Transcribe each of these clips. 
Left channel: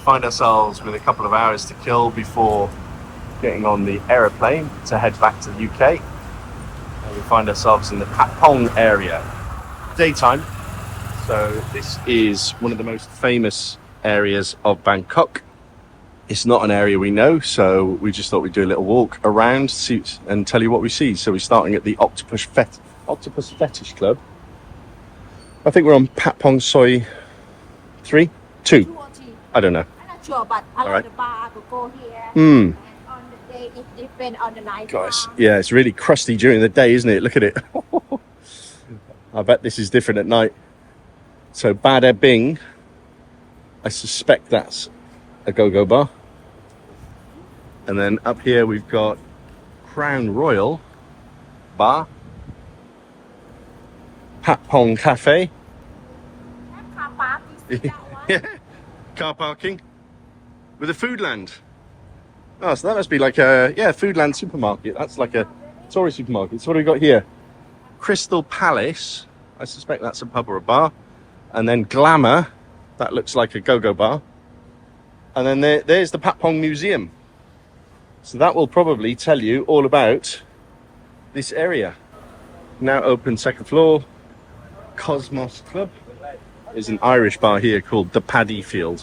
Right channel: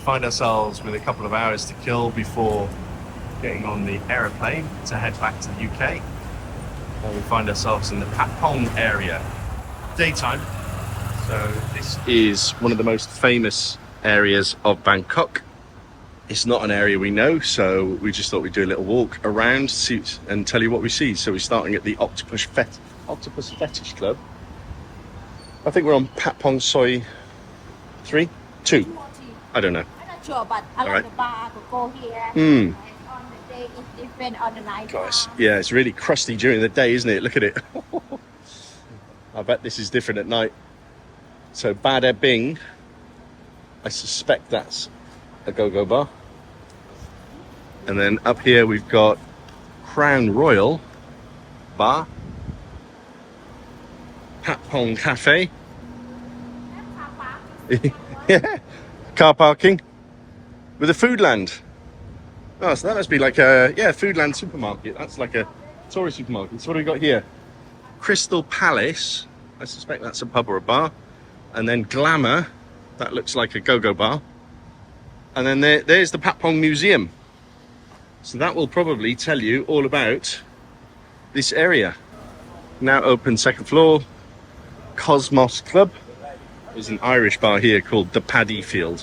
find ourselves with a couple of hours to kill before getting on the aeroplane to head back to the UK. And we find ourselves in the Patpong area. Daytime. So this is one of the most famous areas of Bangkok. It's not an area we know, so we just thought we'd do a little walk around and tell you what we see. So we're starting at the Octopus Fetish Club. I think we're on Patpong Soi 2. I don't know. I'm not sure, but a lot of the bar could go here. Mm. And on the day, it's different on the night. Guys, yeah, it's really crusty during the day, isn't it? Look at it. I bet this is different at night. So Bada Bing, I suspect that's a go-go bar. And then up here we've got Crown Royal Bar, Patpong Cafe. Car park. Yeah, car parking with a Foodland. Oh, so that must be like a Foodland supermarket. That's like a tourist supermarket. So what have we got here? Crystal Palace. I suspect that's a pub or a bar. And then Glamour. That looks like a go-go bar. And then there's the Patpong Museum. So that will probably tell you all about this area. Now open second floor. Cosmos Club. There's an Irish bar here called the Paddy Field.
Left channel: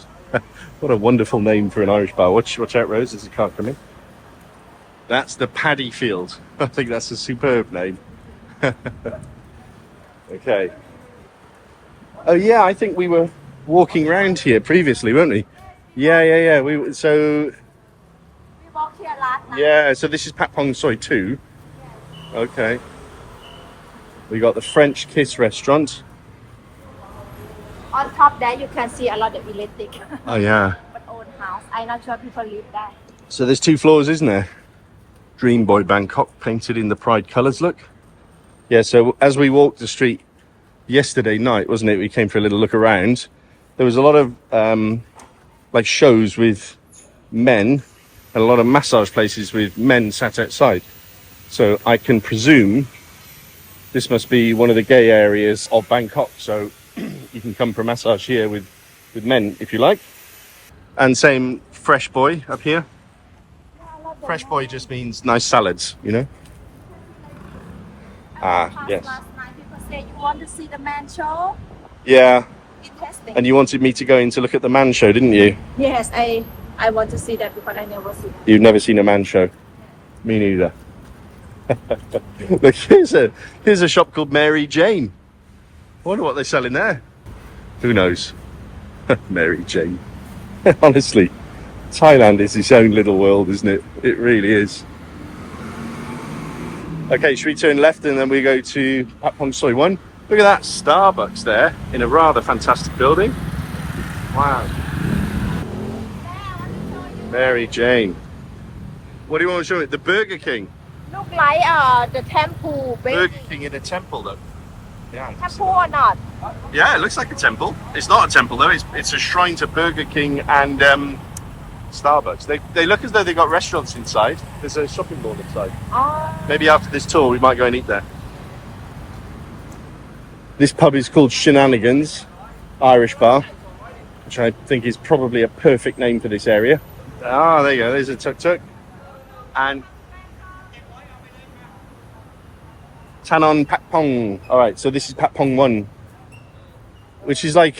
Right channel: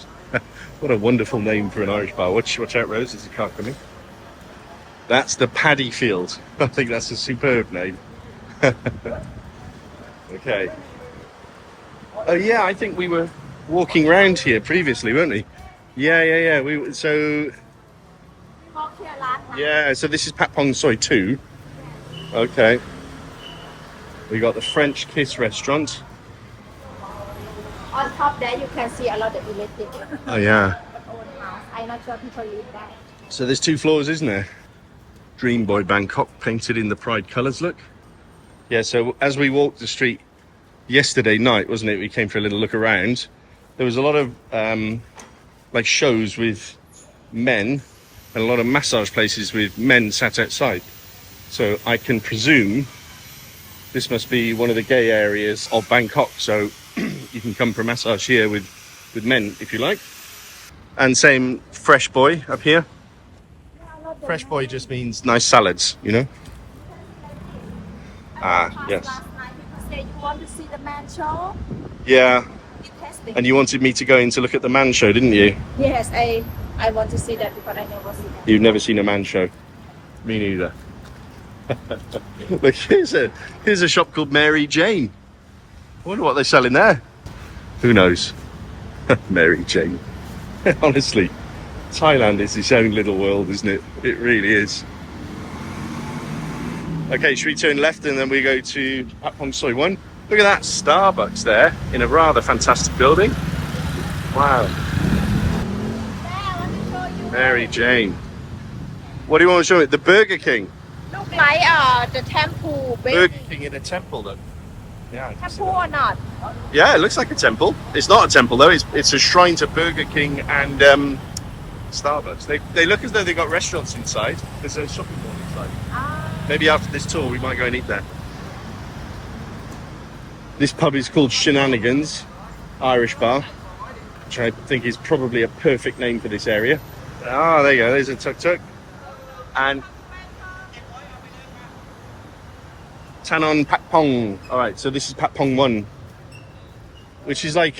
What a wonderful name for an Irish bar. Watch out, Rose, there's a car coming. That's the Paddy Field. I think that's a superb name. Okay. Oh yeah, I think we were walking around here previously, weren't we? Yeah. We We walked here last night. Yeah, so this is Patpong Soi 2. Okay. We got the French Kiss restaurant. On top there, you can see a lot of electric. Oh yeah. Old house. I'm not sure people live there. So there's 2 floors, isn't there? Dream Boy Bangkok painted in the pride colours, look. Yeah, so as we walked the street yesterday night, wasn't it? We came for a little look around. There was a lot of like shows with men and a lot of massage places with men sat outside. So I can presume this must be one of the gay areas of Bangkok. So you can come for a massage here with men if you like. And same Fresh Boy up here. Fresh Boy just means nice salads, you know. Yes. Last night people said you want to see the man show. Yeah. Interesting. And you wanted me to go in to look at the man show, didn't you? Yes, I want to see that because I never see that. You've never seen a man show? Me neither. Look, here's a shop called Mary Jane. I wonder what they're selling there. Who knows? Mary Jane. Honestly, Thailand is its own little world, isn't it? It really is. Okay, should we turn left and then we go to Patpong Soi 1? Look at that Starbucks there in a rather fantastic building. Wow. Mary Jane. What do you want to show me? The Burger King. Look like the temple. Burger King in a temple, though. Yeah. Temple or not? Yeah, it looks like a temple. It's not a temple though. It's a shrine to Burger King and Starbucks. They look as though they got restaurants inside. There's a shopping mall inside. Maybe after this tour we might go and eat there. This pub is called Shenanigans Irish Bar, which I think is probably a perfect name for this area. Ah, there you go. There's a tuk-tuk. And Tanon Patpong. All right, so this is Patpong 1, which is like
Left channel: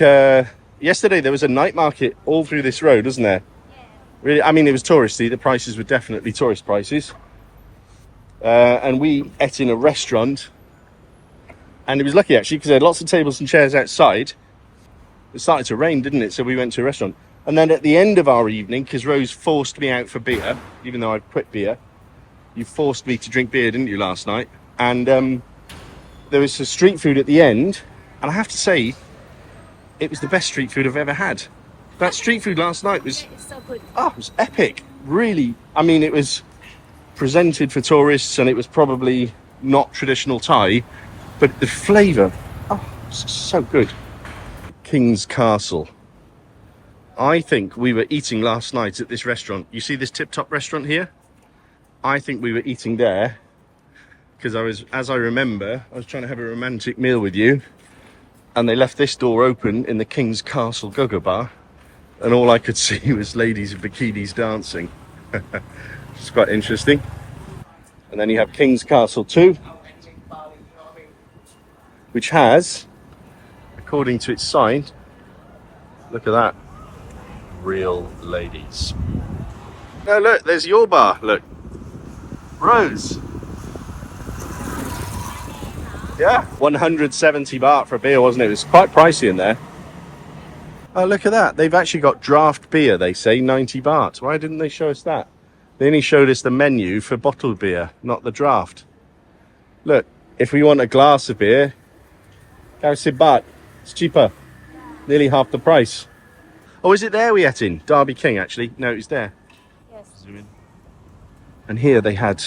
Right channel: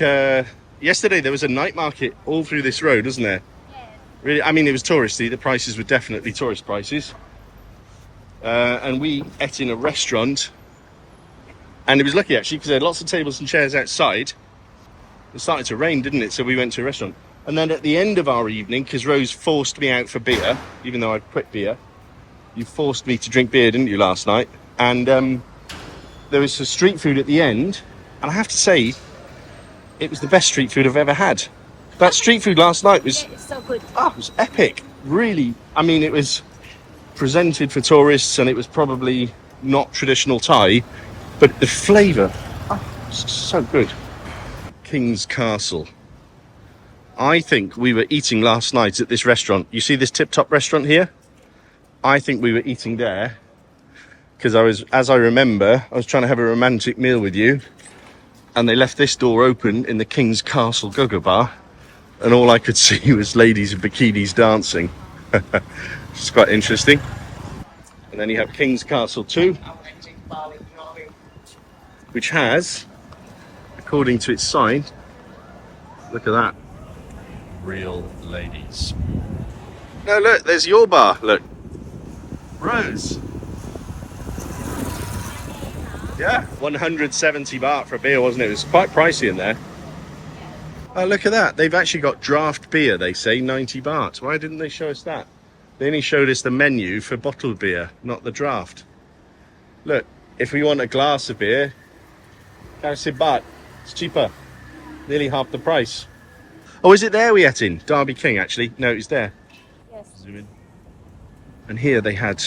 yesterday there was a night market all through this road, wasn't there? Yeah. Really, I mean, it was touristy. The prices were definitely tourist prices. And we ate in a restaurant, and it was lucky actually because they had lots of tables and chairs outside. It started to rain, didn't it? So we went to a restaurant. And then at the end of our evening, because Rose forced me out for beer, even though I'd quit beer, you forced me to drink beer, didn't you, last night? And there was some street food at the end, and I have to say, it was the best street food I've ever had. That street food last night was so good. Oh, it was epic. Really, I mean, it was presented for tourists, and it was probably not traditional Thai, but the flavour, so good. King's Castle. I think we were eating last night at this restaurant. You see this tip-top restaurant here? I think we were eating there because as I remember, I was trying to have a romantic meal with you, and they left this door open in the King's Castle Go-Go Bar, and all I could see was ladies in bikinis dancing. It's quite interesting. And then you have King's Castle too, which has, according to its sign, look at that, real ladies. No, look, there's your bar. Look, Rose. Yeah, 170 baht for a beer, wasn't it? It was quite pricey in there. Oh, look at that. They've actually got draft beer, they say, 90 baht. Why didn't they show us that? They only showed us the menu for bottled beer, not the draft. Look, if we want a glass of beer, 90 baht. It's cheaper. Nearly half the price. Oh, is it there we ate in? Derby King, actually. No, it's there. Yes. Zoom in. And here they had,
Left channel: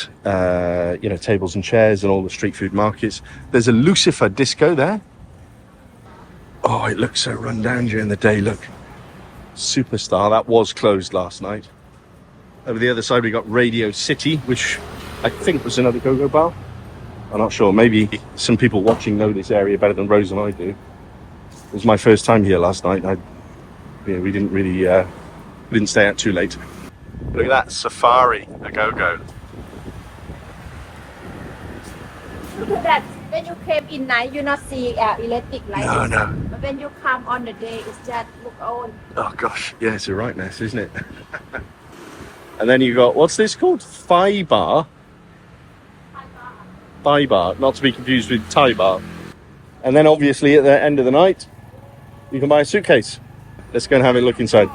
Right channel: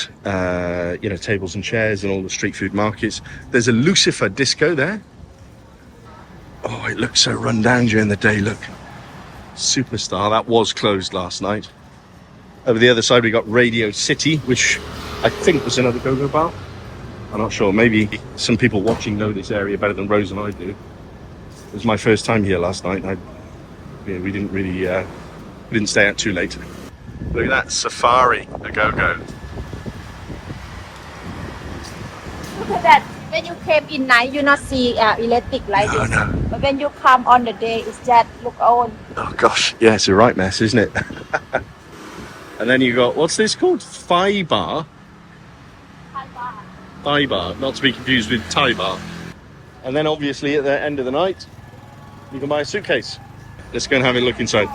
tables and chairs and all the street food markets. There's a Lucifer disco there. Oh, it looks so run down during the day, look. Superstar, that was closed last night. Over the other side, we got Radio City, which I think was another go-go bar. I'm not sure. Maybe some people watching know this area better than Rose and I do. It was my first time here last night. We didn't really, we didn't stay out too late. Look at that, Safari, a go-go. Look at that. When you came in night, you not see electric light. No. But when you come on the day, it's just look on. Oh gosh, yeah, it's a right mess, isn't it? And then you got, what's this called? Thai bar? Thai bar, not to be confused with Thai bar. And then obviously at the end of the night, you can buy a suitcase. Let's go and have a look inside.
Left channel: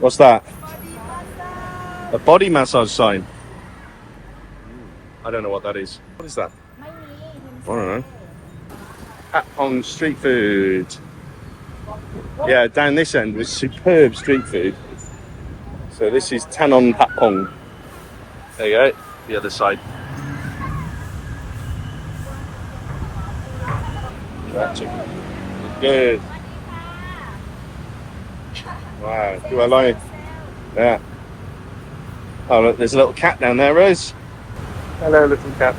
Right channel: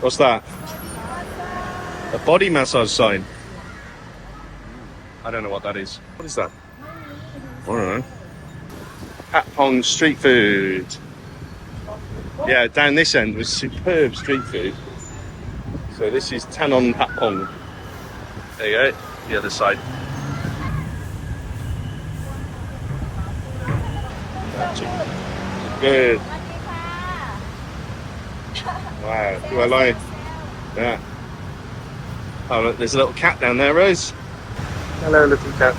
What's that? A body massage sign. I don't know what that is. What is that? I don't know. Patpong street food. Yeah, down this end was superb street food. So this is Tanon Patpong. There you go, the other side. That's good. Wow, do I like it? Yeah. Oh look, there's a little cat down there, Rose. Hello, little cat.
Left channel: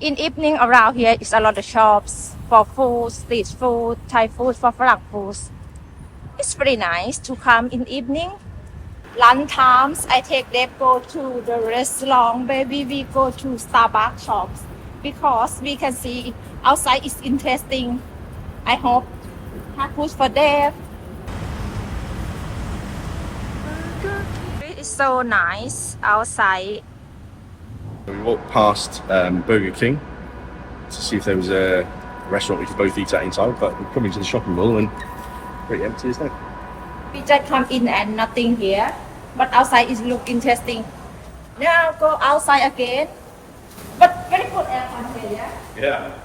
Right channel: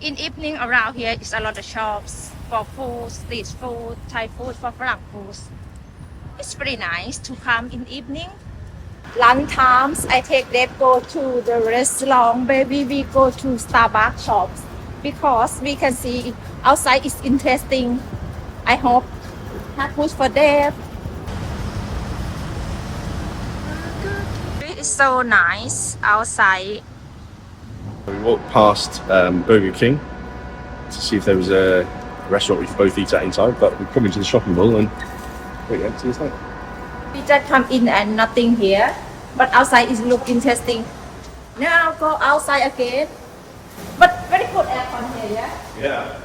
In evening around here is a lot of shops for food, street food, Thai food, for Frang foods. It's pretty nice to come in evening. Lunch times, I take them go to the restaurant. Maybe we go to Starbucks shops because we can see outside is interesting. I hope have food for them. It's so nice outside. We walked past Burger King to see if there was a restaurant we could both eat at inside, but we come into the shopping mall and pretty empty, isn't it? We just come in and nothing here, but outside is look interesting. Now go outside again, but very good aircon here, yeah? Yeah.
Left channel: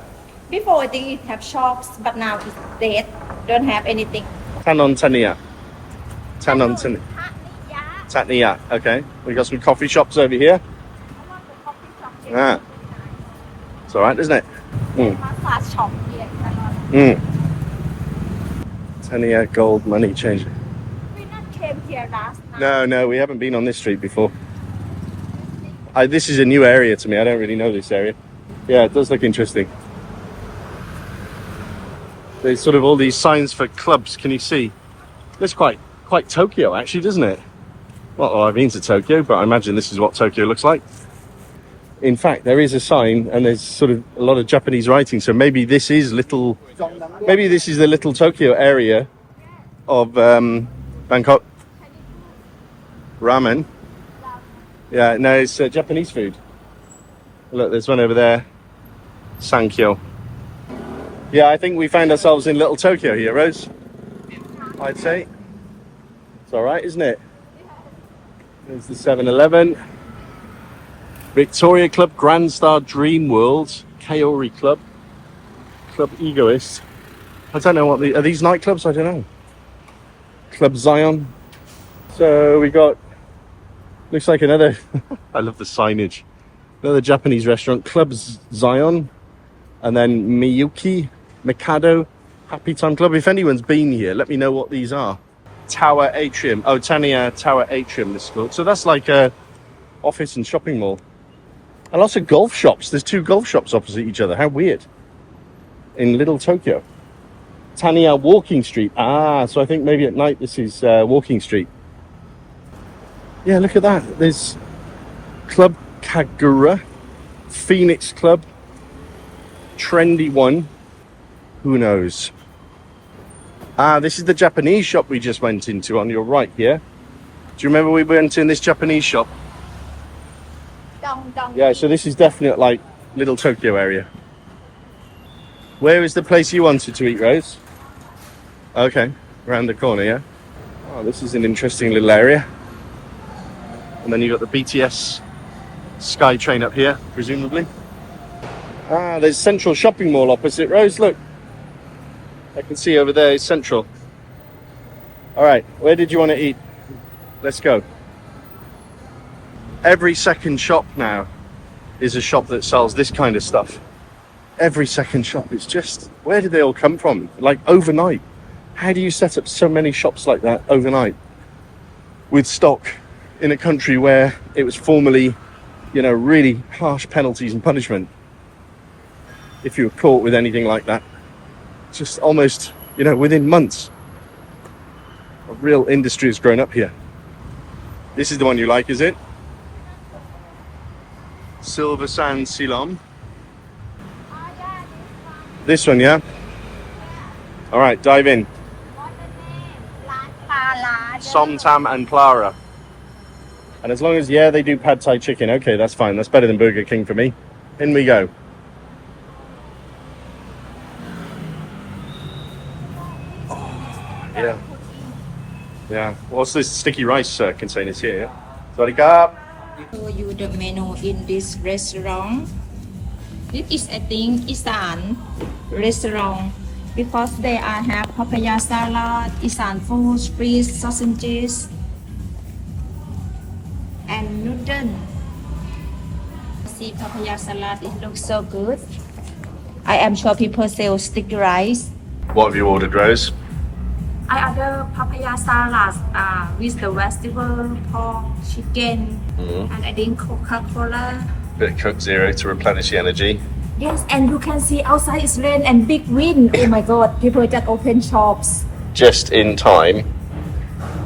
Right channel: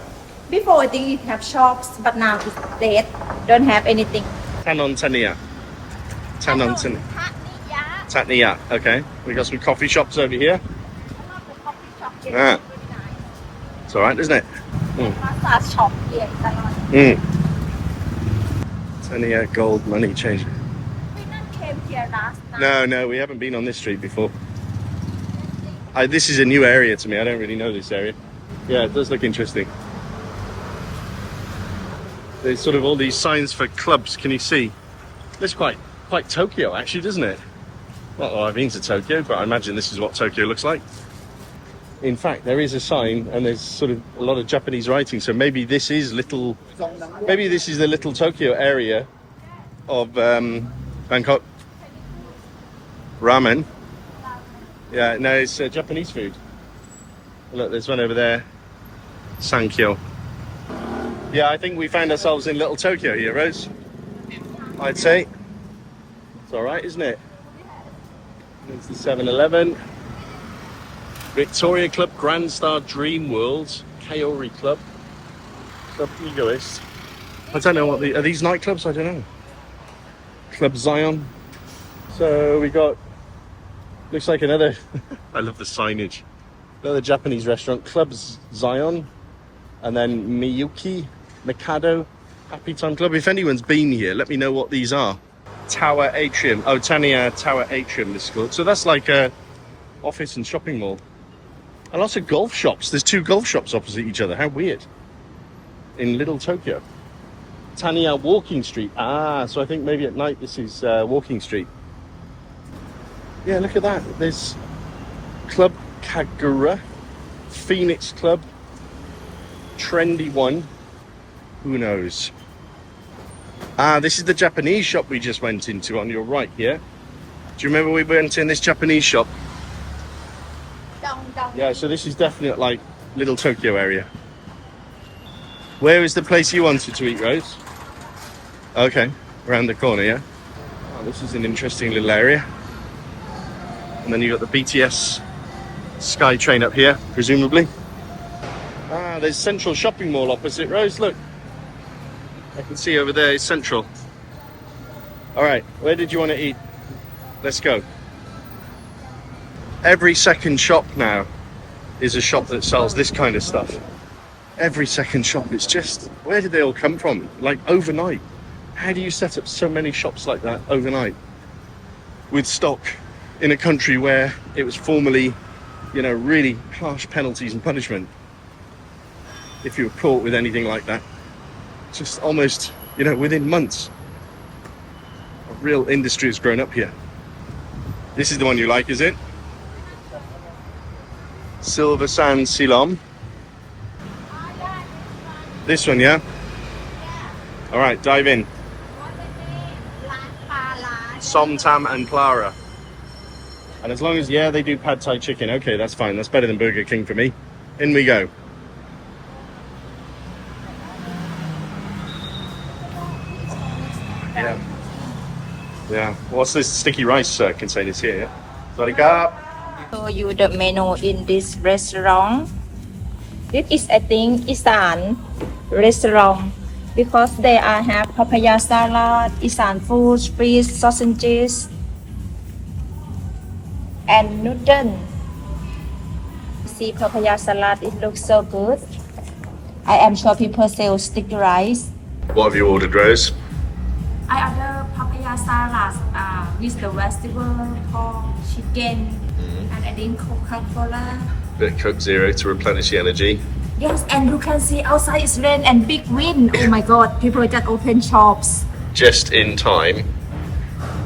Before I think it have shops, but now it's dead. Don't have anything. Tanon Tania. Tanon Tania. Tatnia, okay. We got some coffee shops over here. Ah. It's alright, isn't it? Massage shop here. Tania gold money changer. We not came here last night. No, we haven't been on this street before. This is a new area to me. I don't really know this area. Yeah, it does look interesting. There's sort of all these signs for clubs. Can you see? Looks quite Tokyo, actually, doesn't it? Well, I've been to Tokyo, but I imagine this is what Tokyo looks like. In fact, there is a sign, and there's sort of a lot of Japanese writing. So maybe this is the little Tokyo area of Bangkok. Ramen. Yeah, no, it's Japanese food. Look, there's one over there. Sankyo. Yeah, I think we found ourselves in Little Tokyo here, Rose. I'd say. It's all right, isn't it? There's the 7-Eleven. Victoria Club, Grand Star Dream World, Kaori Club, Club Egoist. I don't know what are these nightclubs? I don't know. Club Zion. So we got, looks like another, I love the signage. Another Japanese restaurant, Club Zion. And then Miyuki, Mikado, Happy Time Club. If anyone's been here, let me know what these are. Tower Atrium. Oh, Tania Tower Atrium, this is called. So that's like a office and shopping mall. And lots of golf shops. There's two golf shops opposite each other. How weird. In Little Tokyo. Taniya Walking Street. Ah, so I think maybe at night this is Walking Street. Yeah, look at that. There's Club Kagura, Phoenix Club, Trendy One. Who knows? Ah, this is the Japanese shop we just went into on your right here. Do you remember we went in this Japanese shop? Yeah, so this is definitely like Little Tokyo area. Where is the place you wanted to eat, Rose? Okay, around the corner, yeah? Oh, this is an interesting little area. And then you've got the BTS Sky Train up here, presumably. Ah, there's Central Shopping Mall opposite, Rose, look. I can see over there is Central. All right, where did you want to eat? Let's go. Every second shop now is a shop that sells this kind of stuff. Every second shop. It's just, where did they all come from? Like overnight. How do you set up so many shops like that overnight with stock in a country where it was formerly, you know, really harsh penalties and punishment if you were caught with anything like that? Just almost, you know, within months, a real industry has grown up here. This is the one you like, is it? Silver Sand Silom. This one, yeah? All right, dive in. Som Tam and Clara. And as long as, yeah, they do pad thai chicken. Okay, that's fine. That's better than Burger King for me. In we go. Yeah. Yeah. What's this sticky rice containers here? Yeah? Show you the menu in this restaurant. This is, I think, Isan restaurant because they are have papaya salad, Isan food, fish, sausages, and noodle. See papaya salad, it looks so good. I am sure people sell sticky rice. What have you ordered, Rose? I order papaya salad with the vegetable, pork, chicken, and I think Coca-Cola. Bit of Coke Zero to replenish the energy. Yes, and you can see outside it's rain and big wind. Oh my god, people just open shops. Just in time.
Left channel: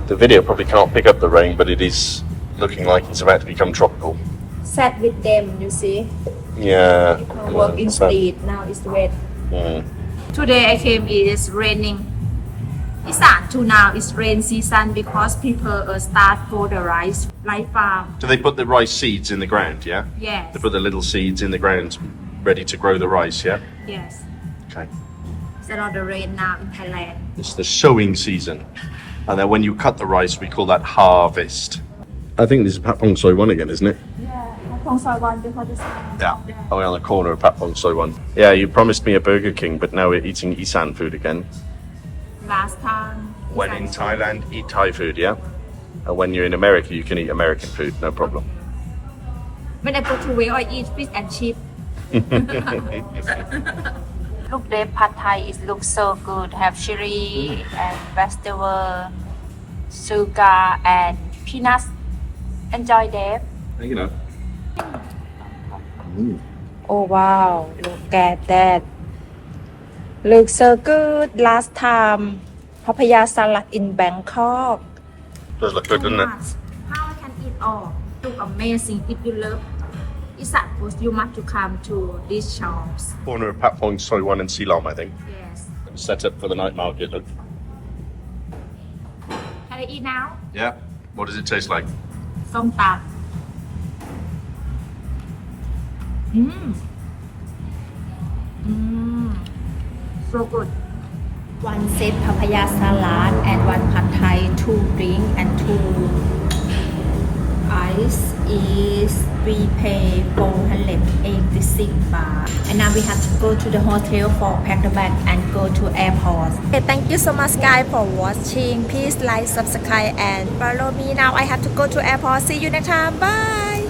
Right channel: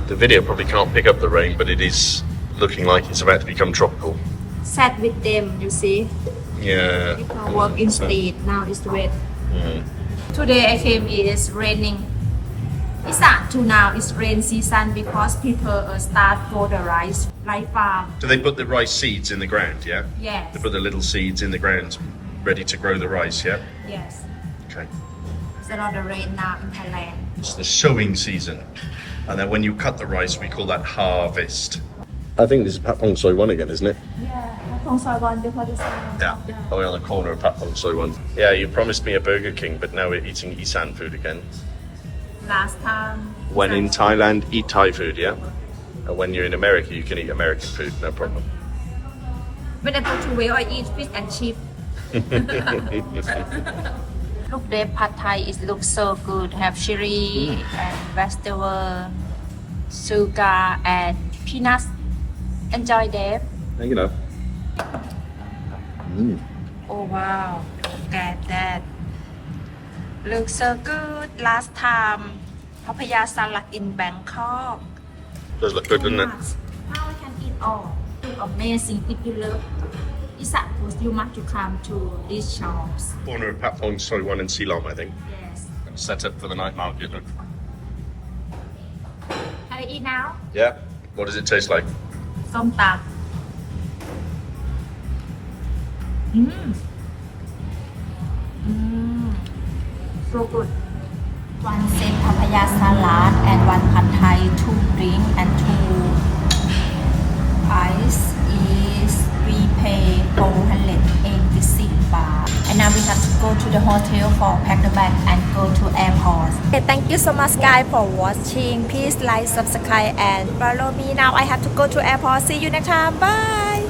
The video probably can't pick up the rain, but it is looking like it's about to become tropical. Sad with them, you see. Yeah. People work in street, now it's wet. Mm. Today I came, it is raining. It's not to now, it's rain season because people start for the rice farm. So they put the rice seeds in the ground, yeah? Yes. They put the little seeds in the ground, ready to grow the rice, yeah? Yes. Okay. It's a lot of rain now in Thailand. It's the sowing season. And then when you cut the rice, we call that harvest. I think this is Patpong Soy One again, isn't it? Yeah, Patpong Soy One before this one. Yeah. Oh, we're on the corner of Patpong Soy One. Yeah, you promised me a Burger King, but now we're eating Isan food again. Last time. When in Thailand, eat Thai food, yeah? And when you're in America, you can eat American food, no problem. When I go to where I eat fish and chip. Look, the pad thai, it looks so good. Have chili and vegetable, sugar and peanuts. Enjoy them. You know. Oh wow, look at that. Looks so good. Last time, papaya salad in Bangkok. Does look good, doesn't it? How I can eat all? Look amazing. If you love Isan food, you must to come to these shops. Corner of Patpong Soy One and Silom, I think. Yes. And set up for the night market, look. Can I eat now? Yeah? What does it taste like? ส้มตำ so good. One set papaya salad and one pad thai, 2 drink and 2 ice is we pay 486 baht. And now we have to go to the hotel for pack the bag and go to airport. Okay, thank you so much guys for watching. Please like, subscribe and follow me. Now I have to go to airport. See you next time. Bye.